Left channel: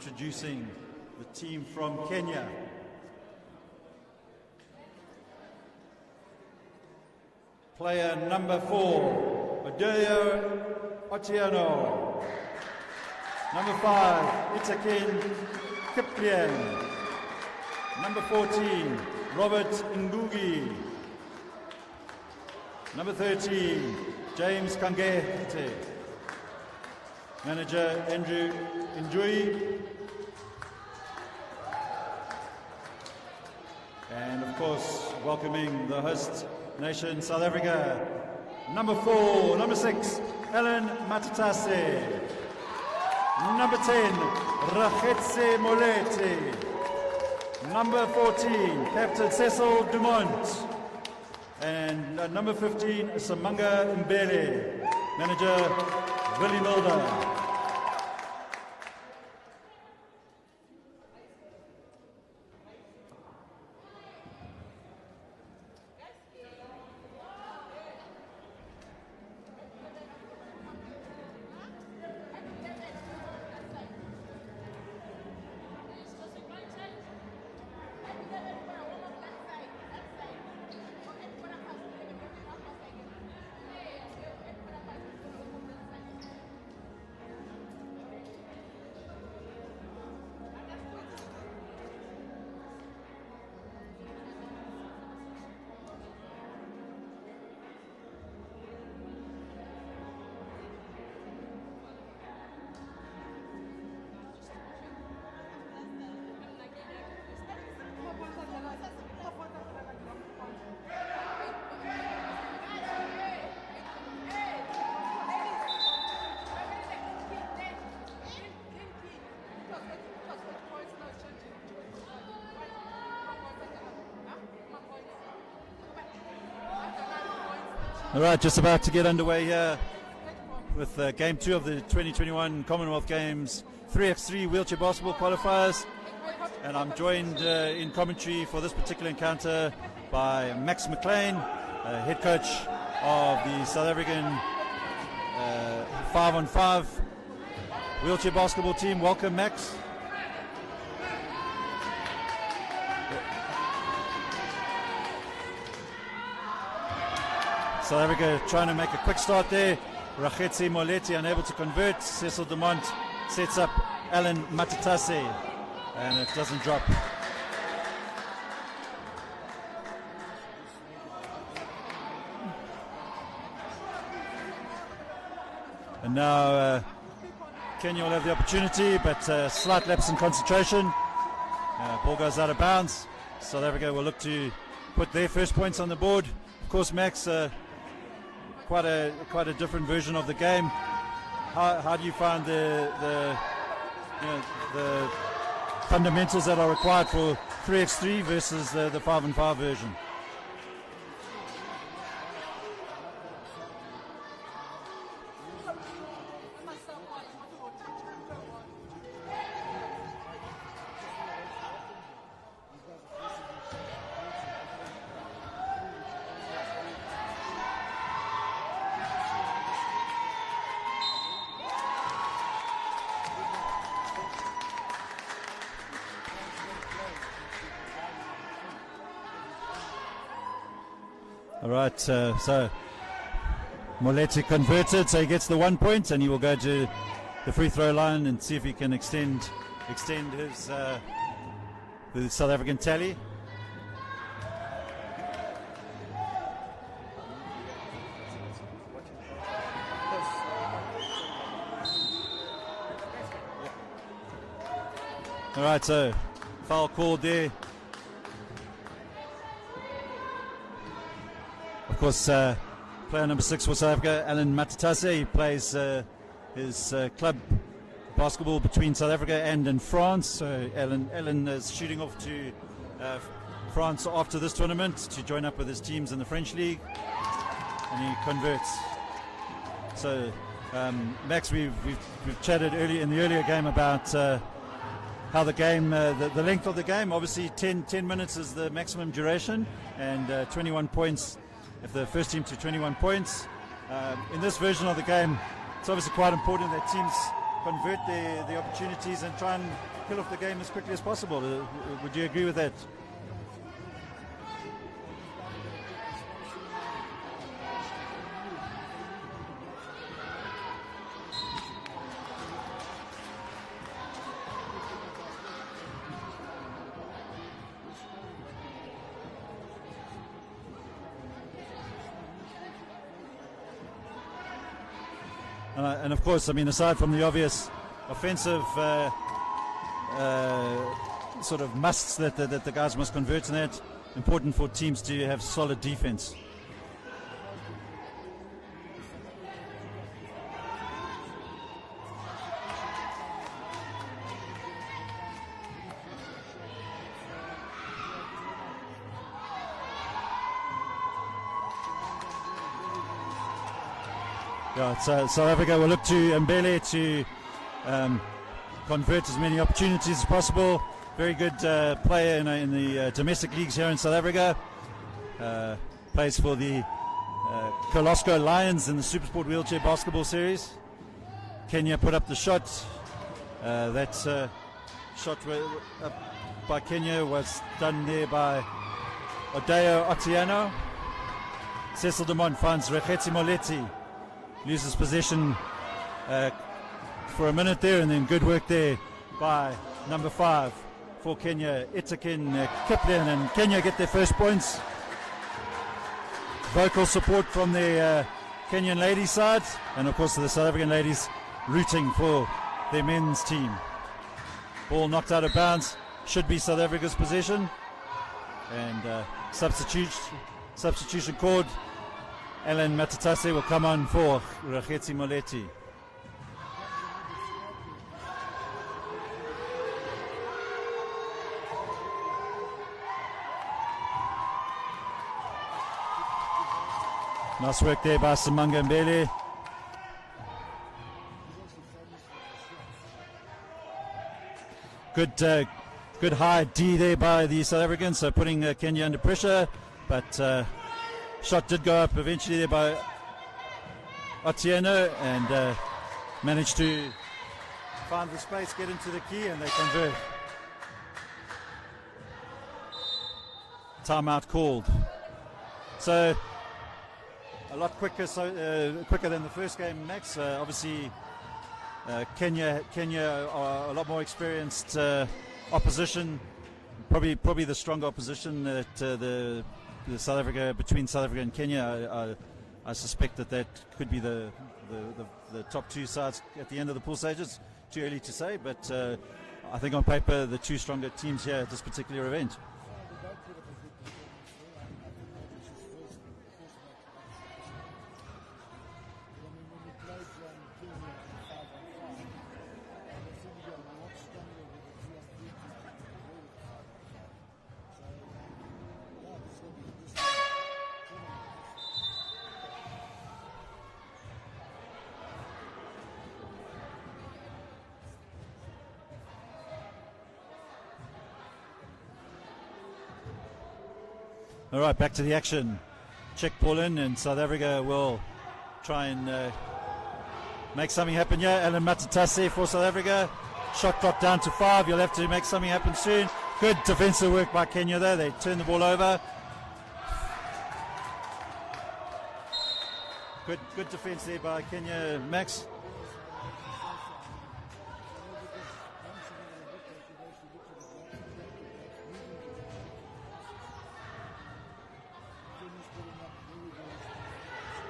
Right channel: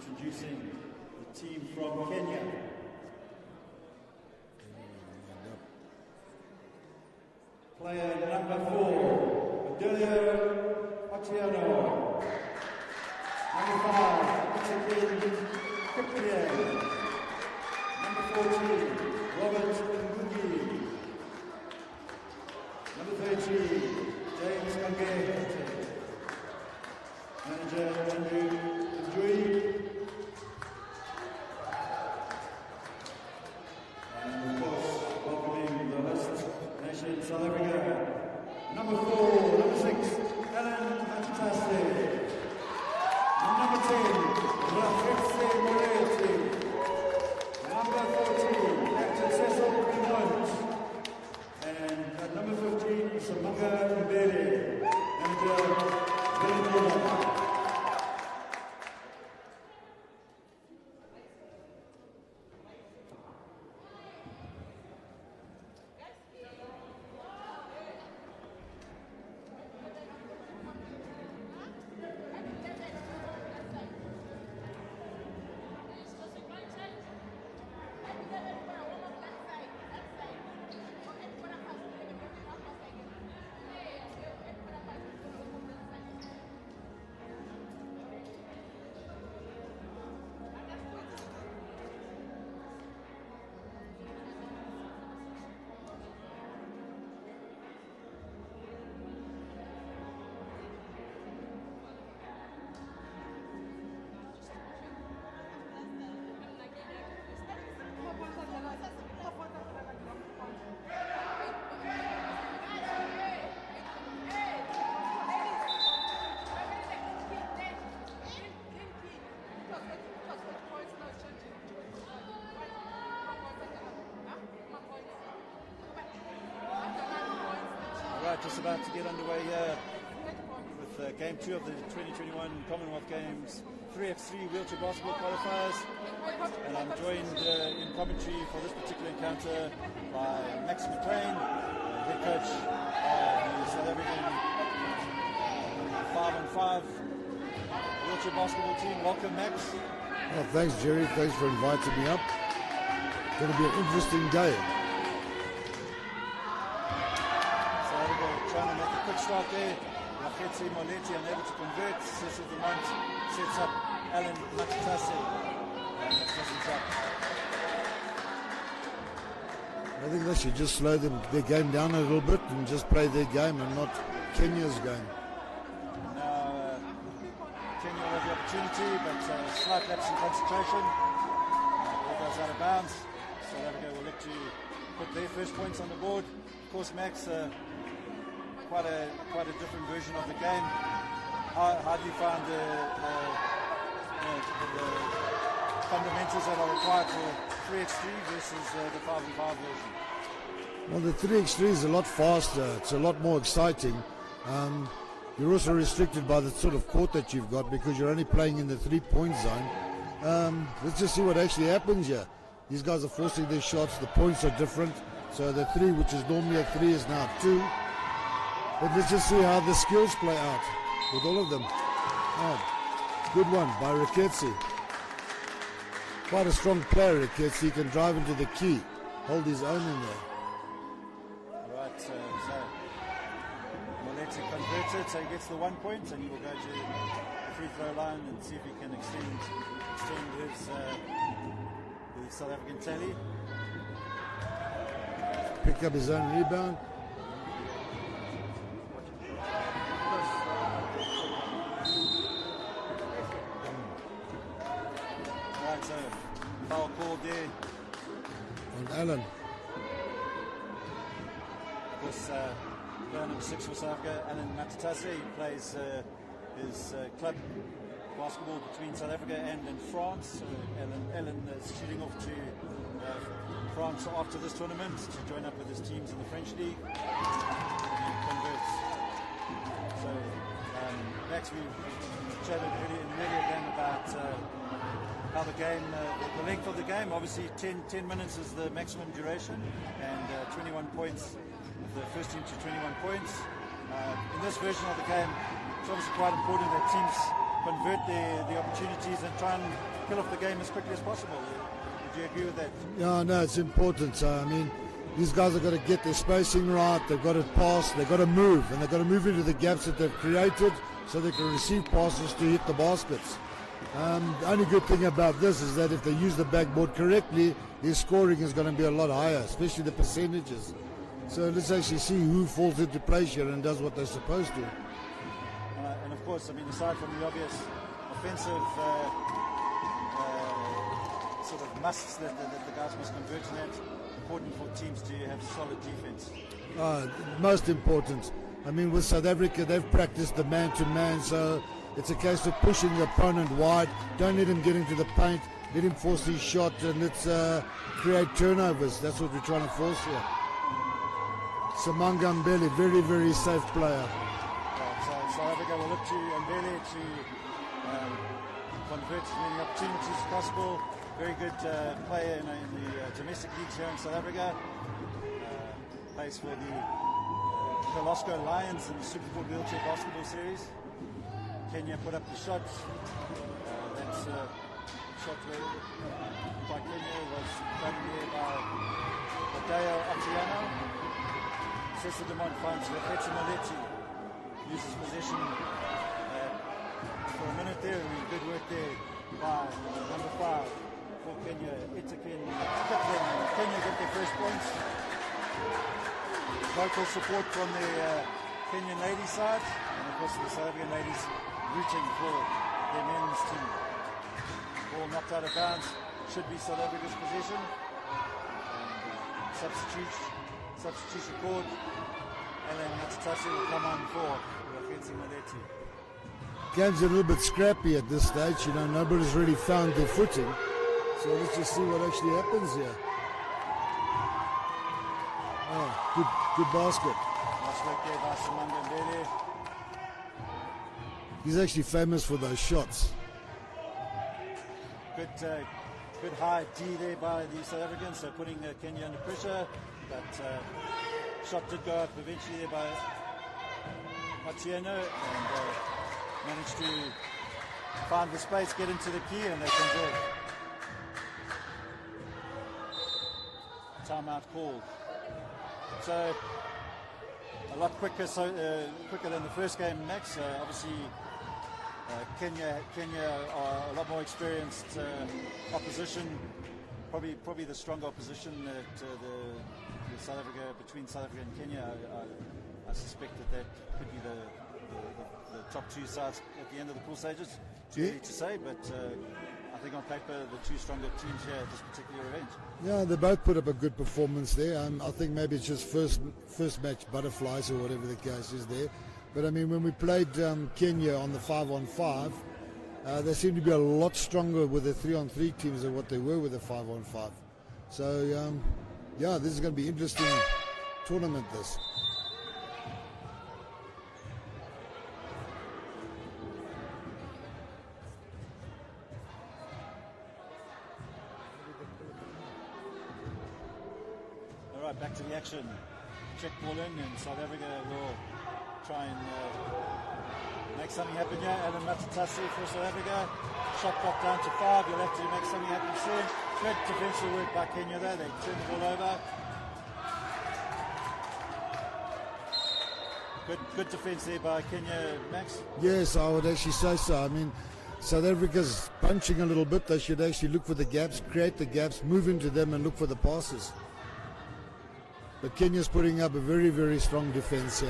introducing the team from Kenya. Player number 4, Adelio Otieno. Number 5, Itakin Kiplian. Number 14, Robert Ngugi. Number 13, James Kangete. Manager Andrew Njui. And of course, welcoming the host nation, South Africa. Number 4, number 6, Ellen Matatase. Number 10, Rahetse Molete. Number 14, Captain Cecil Dumont. And number 15, Samanga Mbele. Manager, Willie Milner. All right, just about to get underway here with Game 2 of the 2021 Commonwealth Games 3x3 wheelchair basketball qualifiers. And I'm joined in commentary for this particular encounter by Max McLean, head coach of the South African 5-on-5 wheelchair basketball team. Welcome, Max. Well, thanks, Jerry. Thanks for inviting me up. It's going to be an interesting game. South Africa trying to make a quick start there. Rahetse Moleti unable to convert. Cecil Dumont sets up Alan Matatase, and it doesn't drop. I think they should just slow their game down a little bit and just play their game and not Kenya's game. And now Kenya will have the opportunity, but slight lapse in concentration. Ball goes out of bounds. South Africa will look to put their first points on the board. Of course, Max, quite a different version of the game. How do you find the fundamentals that are required for 3x3 versus the 5-on-5 version? Well, the 3x3 is a lot faster. It's a lot more exciting. You're also restricted by the sort of court that you've got because you're only playing in the 3-point zone. Let's just see what actually happens here. These guys are forcing their shots. The points are different. So the 3, which is normally a 3, is now 2. But let's just see how the skills play out with all of them. Oh, good one by Raketsi. Quite a strong player, Raketsi. He can drive into the key, hold his own in there. All right, so Moleti converted, so he gets the 1 point, and he will go to the free throw line and see if he can extend his South African tally. Pick up his own rebound. All right, so foul called there. And Alan. Of course, player number 6 for South Africa, Alan Matatase. He plays his club basketball between South Africa and in France. So Alan is shooting off to France after this tournament to join up with his teams in the French League, and he converts. So Max, we've chatted in the earlier game about how the game, the length of the game. Obviously 10 minutes is the maximum duration, and 21 points if the first team to 21 points. In this version of the game, it's obviously quite important that teams convert the opportunities and try try and kill off the game as quickly as possible. Would you agree with that? Yeah, no, it's important. I mean, these guys have got to get their spacing right, they've got to pass, they've got to move, and they've got to move into the gaps that they've created so they can receive passes to hit the baskets. The only good thing about this is that if they use the backboard correctly, their scoring is going to be a lot higher, especially the percentages. So let's actually see who falls into place here and does what they're supposed to. And of course, I mean, aside from the obvious offensive sort of musts that the guys must convert in that, important for teams to have solid defense. Most important. I mean, with South Africa, they've practiced the man-to-man, so it's a case of pushing the opponent wide. Don't let him get into the paint. Let him force his shot, and let's create turnovers. That's what we're trying to force here. Samanga Mbele, very, very safe player. Right, so South Africa will look to Mbele to convert as many opportunities as possible. Very good player in the domestic leagues here in South Africa. Plays for the Kolosco Lions in the Supersport Wheelchair Basketball Series. Kenya put up the shot. That shot up by Kenya was done there by Odeo Otieno. Cecil Dumont finds Rekhetsi Moletti. Loses possession for a minute there, and then good work there by number 5 for Kenya, Itaken Kiplian, and Kenya get their first points. Vocal support from the Kenyan ladies side, and of course the South African ladies rooting for their men's team. Ball knocked out of bounds, should be South Africa's possession, and substitution called. Alan Matatase will come on for Rekhetsi Moletti. Game's a little bit scrappy at this stage, you know, nobody's really found their footing. So let's just see what actually happens here. Good basket. Nice work there by Samanga Mbele. He's actually famous for those shots. Good high D there by the South Africans, so putting Kenya under pressure, but shot did go up eventually there by Otieno, and managed to find the space, get into the key, and they convert. Timeout called. So a lot quicker, quicker than the first game, Max. Obviously, Kenya are a lot more experienced opposition. Probably the stronger opposition that the South Africa, between South Africa and Kenya. I suspect that could be the top two sides at the end of the pool stages. Too early to say, but I think on paper the two stronger teams here at this particular event. Yeah, they both put up a good performance there, and I think maybe it's just first match butterflies or whatever the case is there. But I mean, when we played Kenya on the 5-on-5, they seem to be a lot stronger with the 3-on-3 teams than what they were with the 5-on-5. So yeah, this is going to be interesting tournament. This. All right, back to the action. Check ball in, and South Africa will try and make something happen here. Alan Matatase for South Africa. Shot got down to 5. You'll have to make something happen soon. Good defensive work by Kenya there. They turn the ball over. Good defense there by Kenya, Max. Yes, I would actually say so. I mean, South Africa's punching a little bit. They should actually look for the gaps, create the gaps, move into them, and look for the passes. But Kenya's putting up a very, very strong defense here.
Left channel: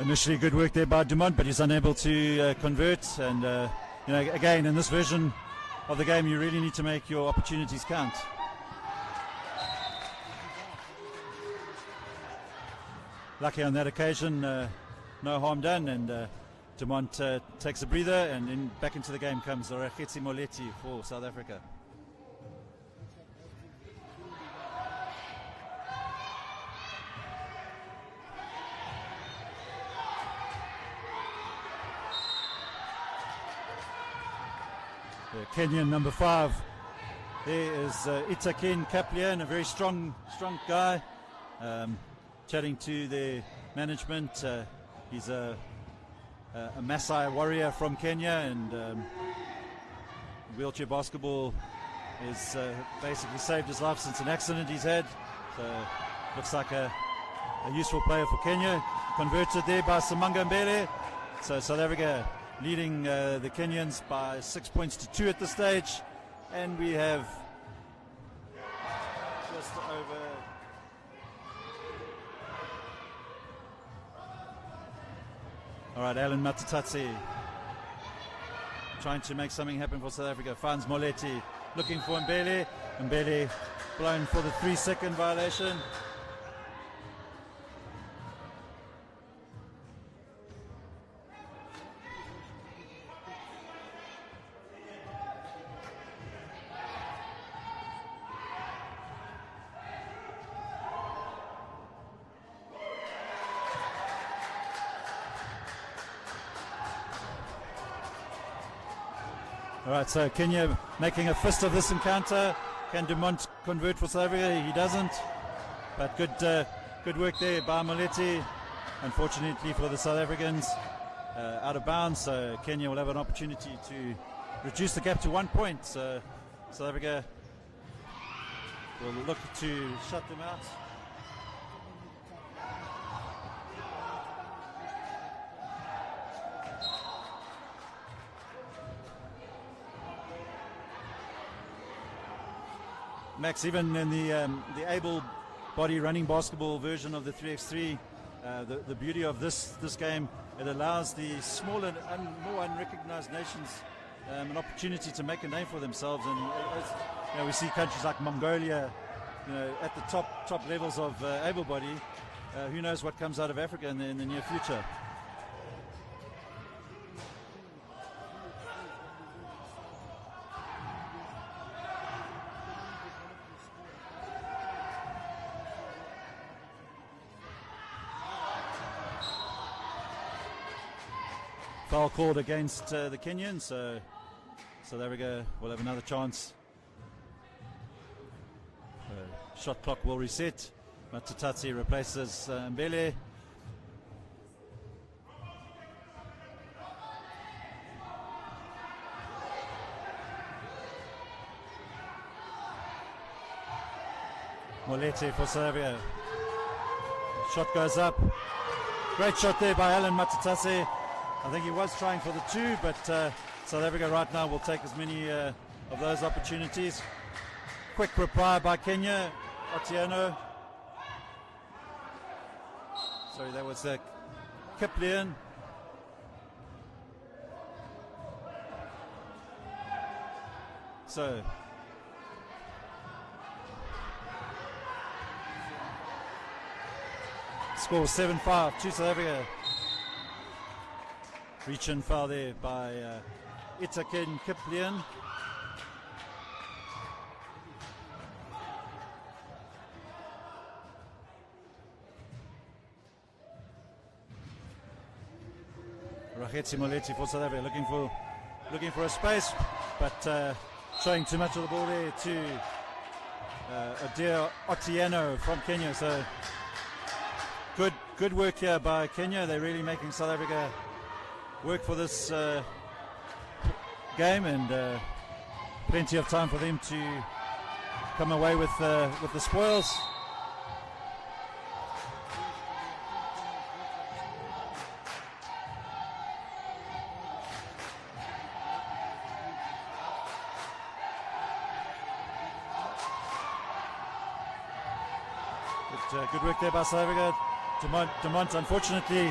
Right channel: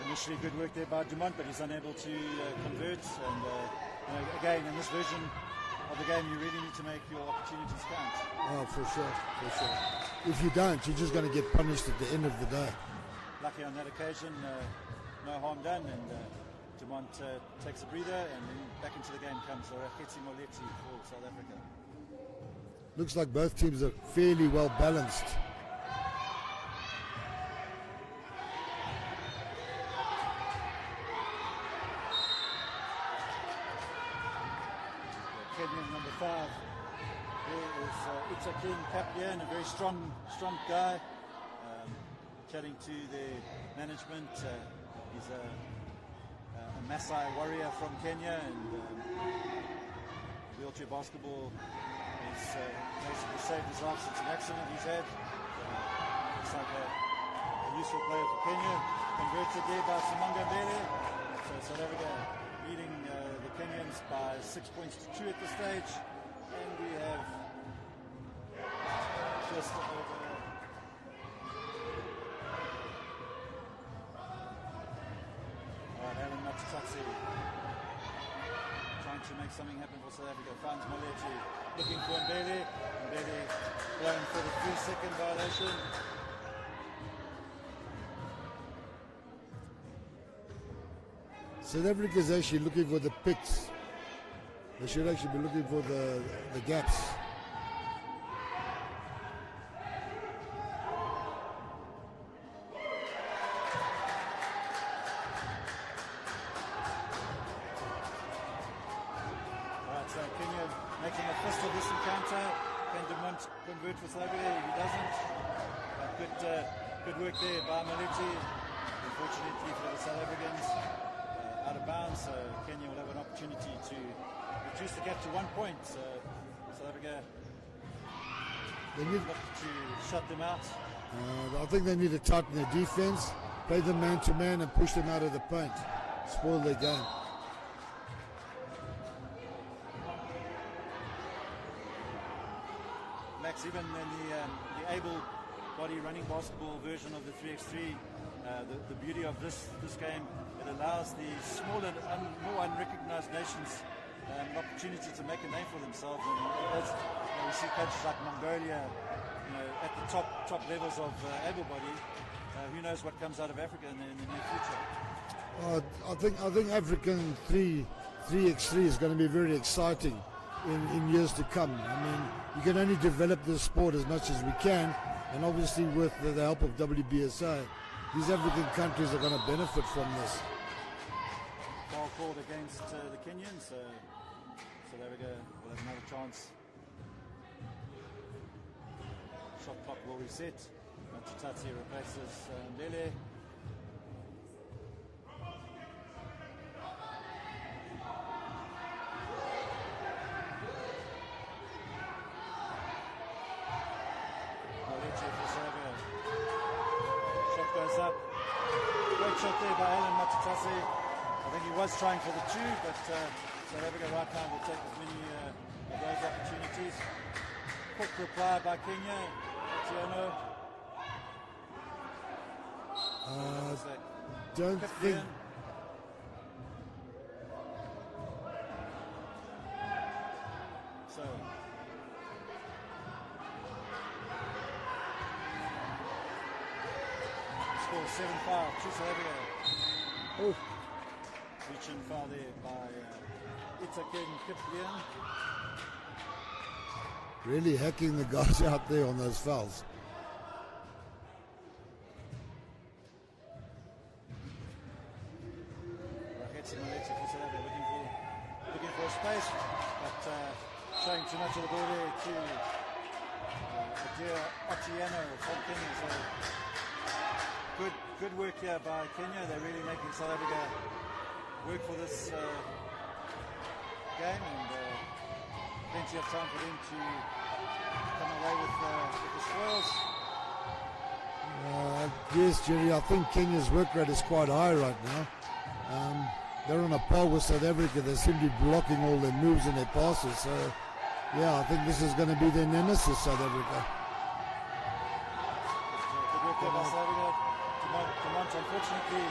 Initially good work there by Dumont, but he's unable to convert. And again, in this version of the game, you really need to make your opportunities count. Oh, for sure. If you don't, you're just going to get punished at the end of the day. Lucky on that occasion, no harm done, and Dumont takes a breather, and then back into the game comes Rekhetsi Moletti for South Africa. Looks like both teams are fairly well balanced. Kenyan number 5. There is Itaken Kaplian, a very strong guy. Chatting to the management. He's a Maasai warrior from Kenya, and wheelchair basketball has basically saved his life since an accident he's had. Looks like a useful player for Kenya. Converted there by Samanga Mbele. So South Africa leading the Kenyans by 6 points to 2 at this stage. And we have just over... Alright, Alan Matatatsi trying to make something happen for South Africa. Finds Moletti looking for Mbele. Mbele blowing for the 3-second violation. South Africa is actually looking for the picks. They should actually be looking for the gaps. Alright, so Kenya making a fist of this encounter. Can Dumont convert for South Africa? He doesn't. But good work there by Moletti. Unfortunately for the South Africans, out of bounds. So Kenya will have an opportunity to reduce the gap to 1 point. So South Africa will look to shut them out. I think they need to tighten their defense, play them man-to-man and push them out of the paint. Spoil their game. Max, even in the able-body running basketball version of the 3x3, the beauty of this game, it allows the smaller, more unrecognized nations an opportunity to make a name for themselves. And we see countries like Mongolia, at the top levels of able-body. Who knows what comes out of Africa in the near future? I think African 3x3 is going to be very exciting in years to come. I mean, you can only develop this sport as much as we can, and obviously with the help of WBSA, these African countries are going to benefit from this. Foul called against the Kenyans, so South Africa will have another chance. Shot clock will reset. Matatatsi replaces Mbele. Moletti for Serbia. Shot goes up. Great shot there by Alan Matatatsi. I think he was trying for the 2, but South Africa right now will take as many of those opportunities. Quick reply by Kenya. Otieno. So that was Kiplian. So score 7-5 to South Africa. Oh. Reach and foul there by Itaken Kiplian. Really hacking the guys out there on those fouls. Rakhetsi Moletti for South Africa looking for a space, but showing too much of the ball there to Adair Otieno from Kenya. So good work here by Kenya. They're really making South Africa work for this game, and plenty of time for them to come away with the spoils. Yes, Jerry, I think Kenya's work rate is quite high right now. They're on a par with South Africa. They seem to be blocking all their moves and their passes. So, yeah, I think this is going to be their nemesis, South Africa. Good work there by South Africa. Dumont, unfortunately,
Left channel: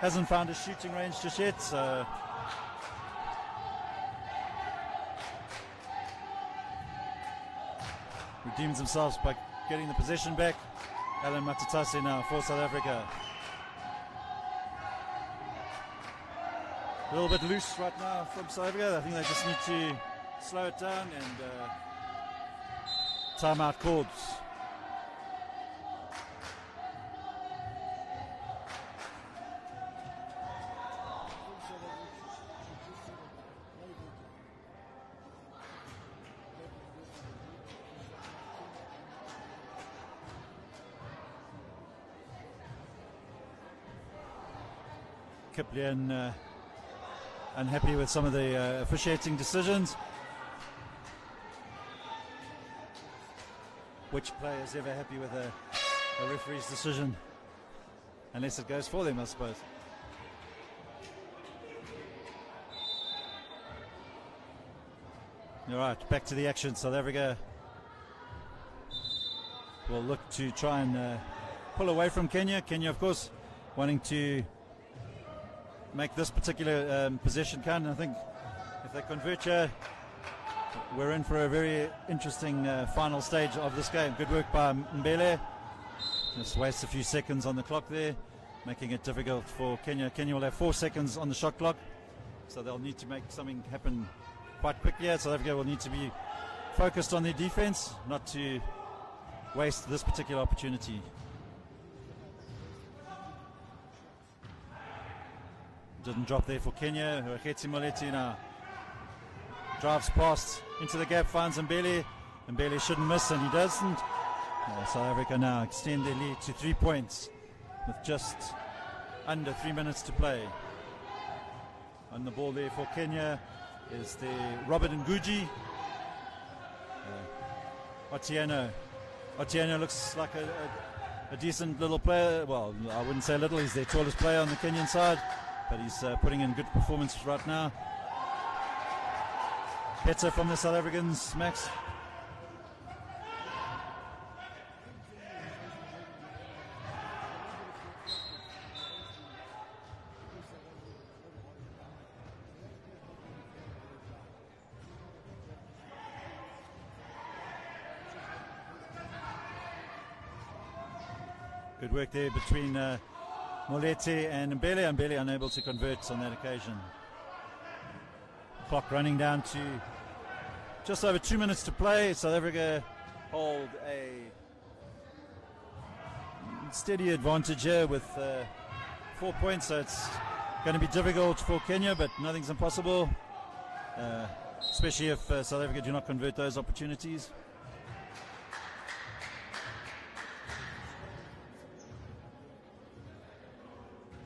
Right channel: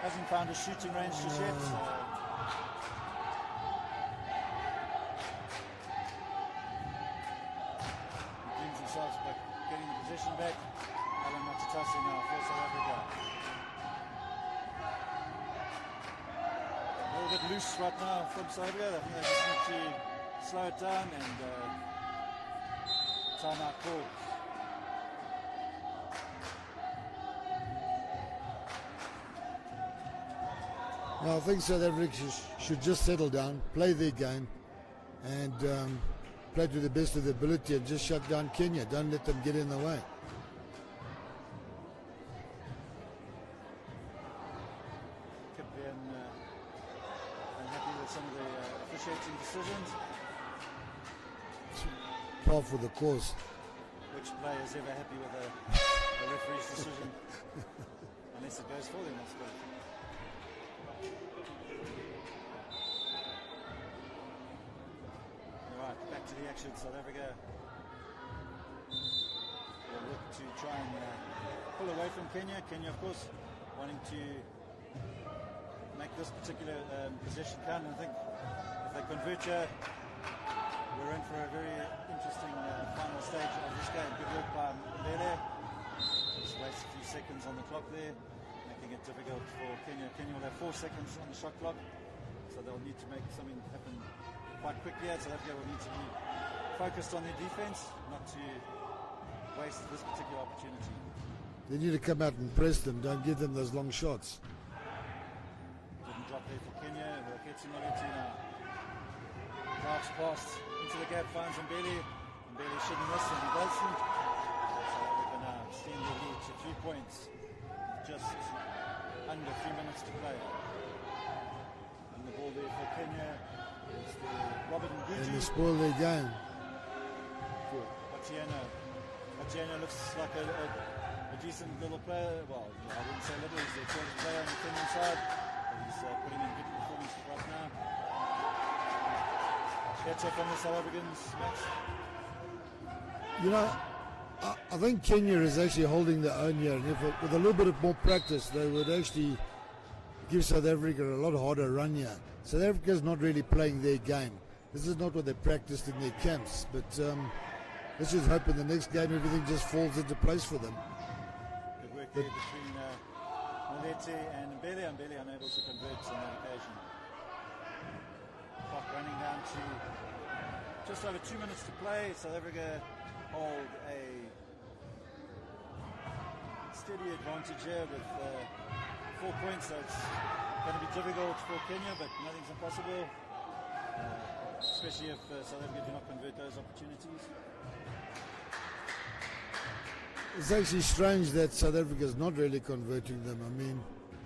hasn't found his shooting range just yet. So redeems themselves by getting the possession back. Alan Matatatsi now for South Africa. A little bit loose right now from South Africa. I think they just need to slow it down, and timeout called. I think South Africa should just settle down, play their game, and play to the best of their ability and just shut down Kenya. Don't let them get in the way. Kiplian unhappy with some of the officiating decisions. Par for the course. Which player is ever happy with a referee's decision? Unless it goes for them, I suppose. Alright, back to the action. South Africa will look to try and pull away from Kenya. Kenya, of course, wanting to make this particular possession count. And I think if they convert here, we're in for a very interesting final stage of this game. Good work by Mbele. Just wastes a few seconds on the clock there, making it difficult for Kenya. Kenya will have 4 seconds on the shot clock, so they'll need to make something happen quite quickly. South Africa will need to be focused on their defense, not to waste this particular opportunity. They need to come out and press them, don't give them those long shots. Didn't drop there for Kenya. Raketsi Moleti now drives past into the gap, finds Mbele. Mbele shouldn't miss, and he doesn't. South Africa now extend their lead to 3 points with just under 3 minutes to play. And the ball there for Kenya is the Robert Nguji. Spoil their game. Otieno looks like a decent little player. Well, I wouldn't say little, he's their tallest player on the Kenyan side, but he's putting in good performances right now. Better from the South Africans, Max. You know, I think Kenya is actually holding their own here, and if with a little bit of more practice, they would actually give South Africa a lot harder run here. South Africa is not really playing their game. This is not what they practiced in their camps, but let's just hope in the next game everything just falls into place for them. Good work there between Moleti and Mbele. Mbele unable to convert on that occasion. Clock running down to just over 2 minutes to play. South Africa hold a steady advantage here with 4 points, so it's going to be difficult for Kenya, but nothing's impossible, especially if South Africa do not convert those opportunities. It's actually strange that South Africa is not really converting them. I mean,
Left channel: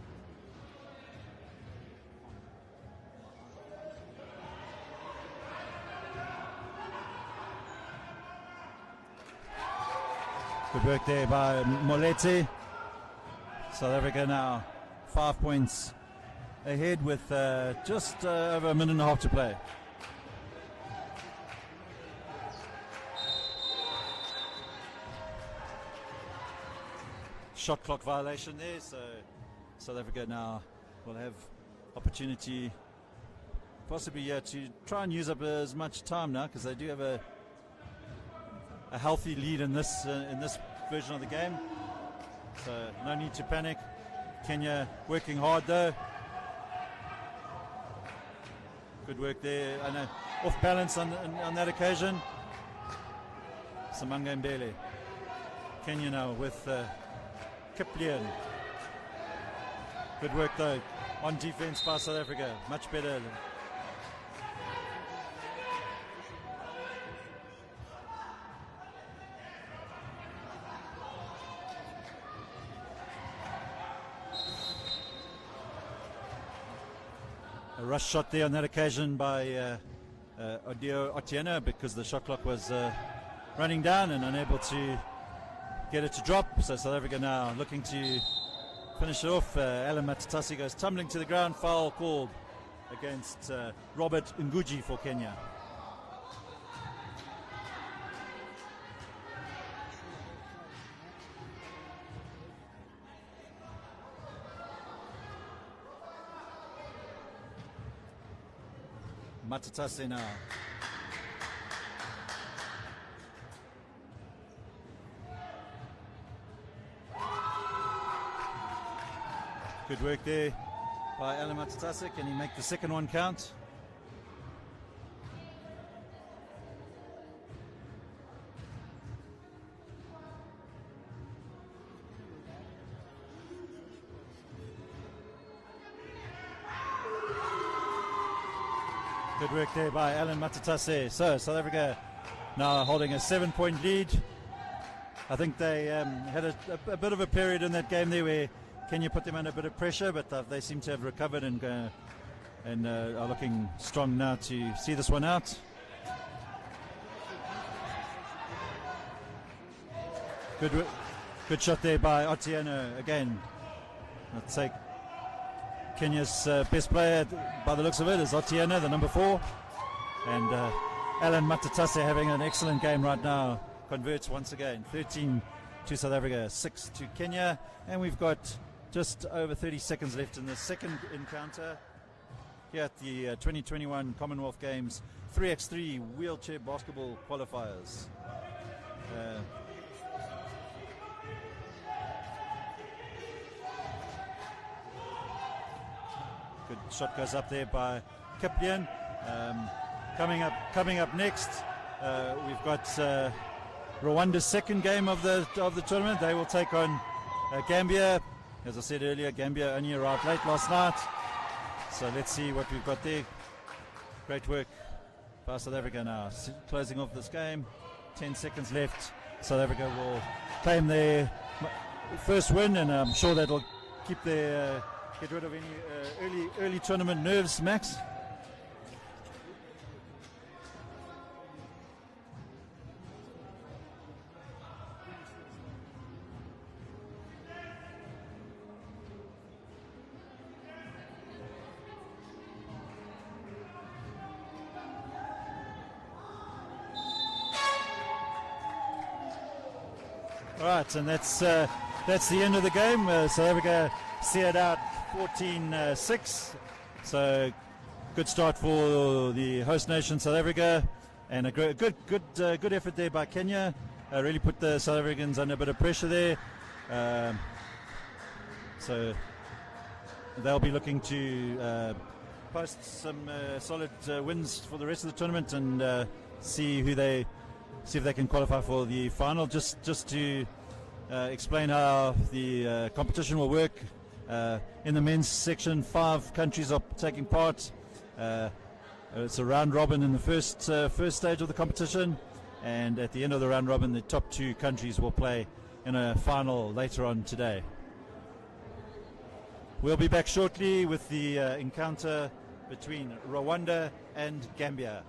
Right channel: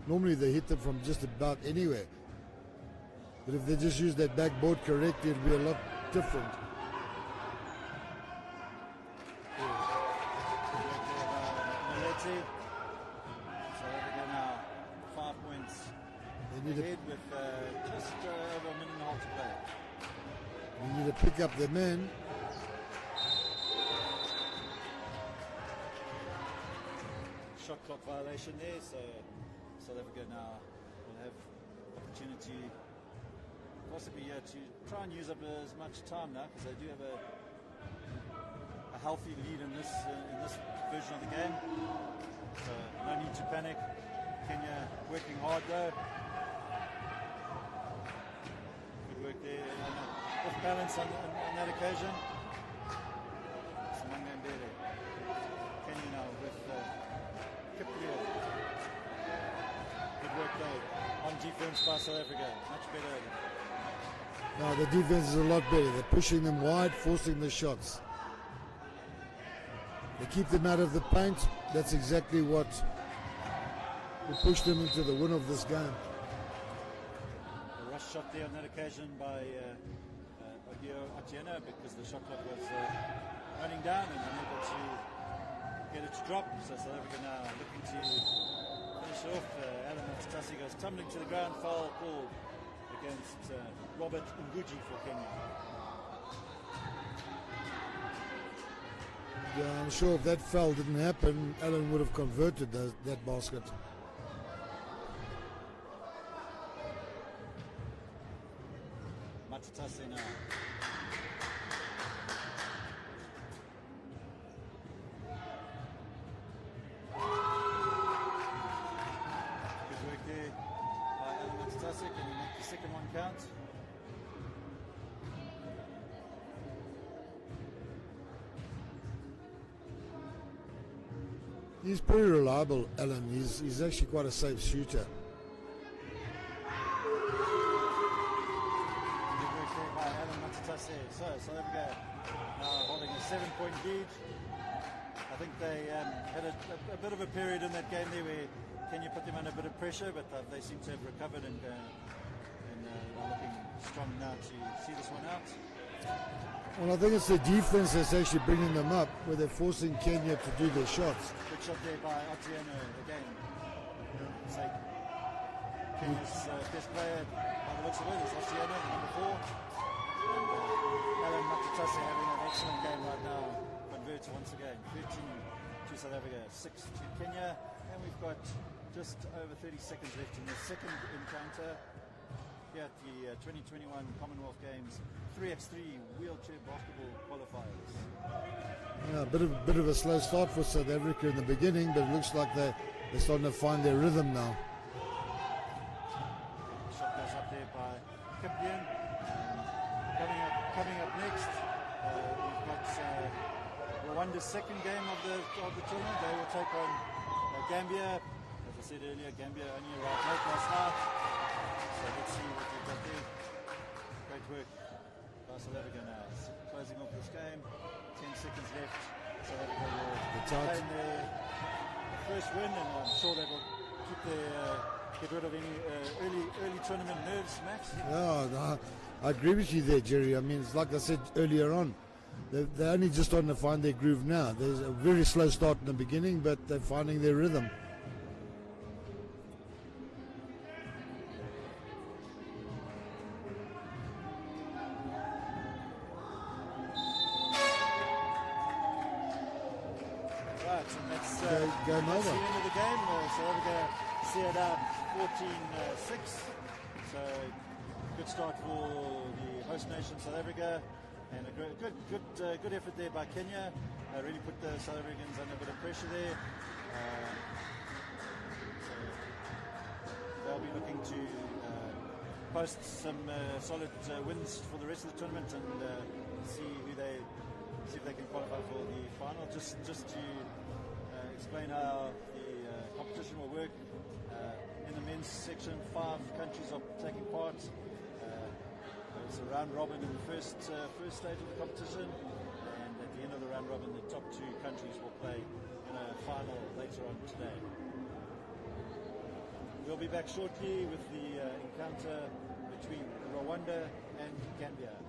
normally they hit them from just about anywhere. But if they just use that backboard correctly, it'd be a lot different. Good work there by Moleti. South Africa now 5 points ahead with just over a minute and a half to play. They need to pick up their men. Shot clock violation there, so South Africa now will have opportunity possibly to try and use up as much time now, because they do have a healthy lead in this version of the game, so no need to panic. Kenya working hard though. Good work there, and off balance on that occasion. Samanga Mbele. Kenya now with Kiplian. Good work though on defense by South Africa, much better. No, the defense is a lot better. They're pushing them wide, forcing the shots. They keep them out of the paint. That's exactly what will push them into the win of this game. A rush shot there on that occasion by Otieno, because the shot clock was running down and unable to get it to drop. So South Africa now looking to finish it off. Alan Matatasi goes tumbling to the ground. Foul called against Robert Nguji for Kenya. Yeah, I'm sure if that foul didn't happen, Alan would have converted that basket. Matatasi now. Good work there by Alan Matatasi. Can he make the second one count? He's pretty reliable, Alan. He's actually quite a safe shooter. Good work there by Alan Matatasi. So South Africa now holding a 7-point lead. I think they had a bit of a period in that game there where Kenya put them under a bit of pressure, but they seem to have recovered and are looking strong now to see this one out. Well, I think it's the defense that's actually bringing them up, where they're forcing Kenya to do their shots. Good shot there by Otieno again. I'd say Kenya's best player, by the looks of it, is Otieno, the number 4. And Alan Matatase having an excellent game right now. Converts once again. 13 to South Africa, 6 to Kenya. And we've got just over 30 seconds left in the second encounter here at the 2021 Commonwealth Games 3x3 wheelchair basketball qualifiers. Yeah, a bit of a slow start for South Africa in the beginning, but it looks like they're starting to find their rhythm now. Good shot goes up there by Kiplian. Coming up next, we've got Rwanda's second game of the tournament. They will take on Gambia. As I said earlier, Gambia only arrived late last night. So let's see what we've got there. Great work by South Africa now. Closing off this game. 10 seconds left. South Africa will claim their first win, and I'm sure that'll get rid of any early tournament nerves, Max. Yeah, no, I agree with you there, Jerry. I mean, it's like I said earlier on, they're only just starting to find their groove now. There's a very slow start in the beginning, but they're finding their rhythm. Right, and that's the end of the game. South Africa seared out 14-6. So good start for the host nation, South Africa, and a good effort there by Kenya. Really put the South Africans under a bit of pressure there. So they'll be looking to post some solid wins for the rest of the tournament and see if they can qualify for the final. Just to explain how the competition will work. In the men's section, 5 countries are taking part. It's a round robin in the first stage of the competition, and at the end of the round robin, the top 2 countries will play in a final later on today. We'll be back shortly with the encounter between Rwanda and Gambia.